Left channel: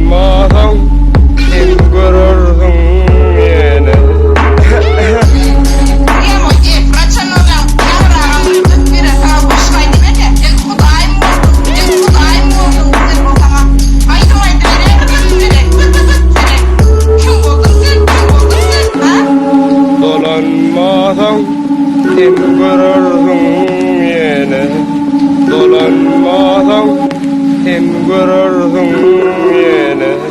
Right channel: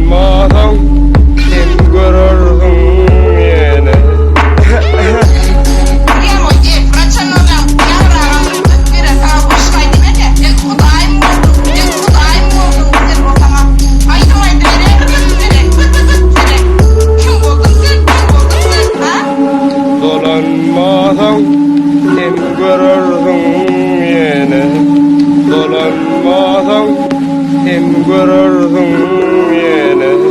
Dolanmadan kim görürsün yine. Dolanmadan kim görürsün yine. Dolanmadan kim görürsün yine.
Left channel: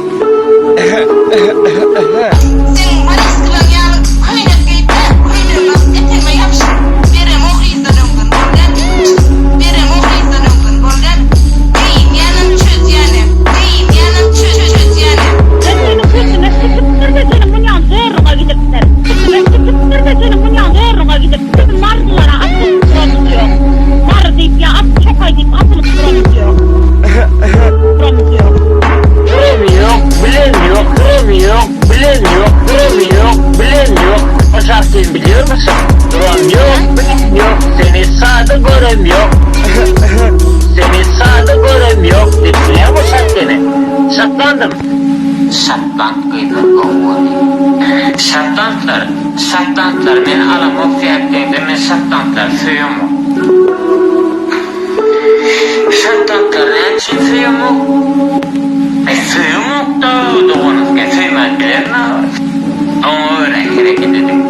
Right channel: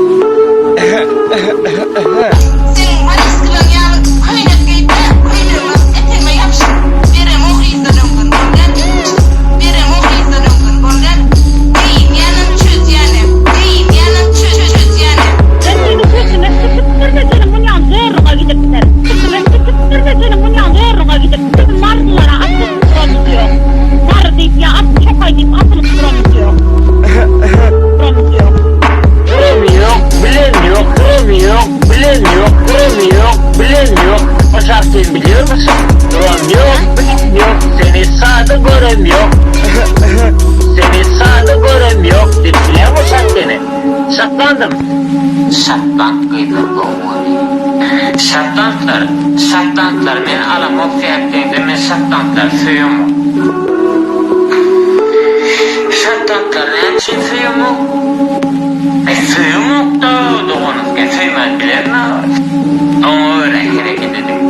Bilen yok. O şarkıyı biliyor musun? Duran yok, bilen yok. Seni sağda görem yok. Seni sağda görem yok. Biliyor musun seni? Saklandım. Saklan kıyılar var. Saklantılar. Men alamam fiyatlayınca men saklantılar suyumu. Saklantılar ne için suyumu? Suyumu da doğunuzken suymaz bilir ne var? Ama öyle hareket edin.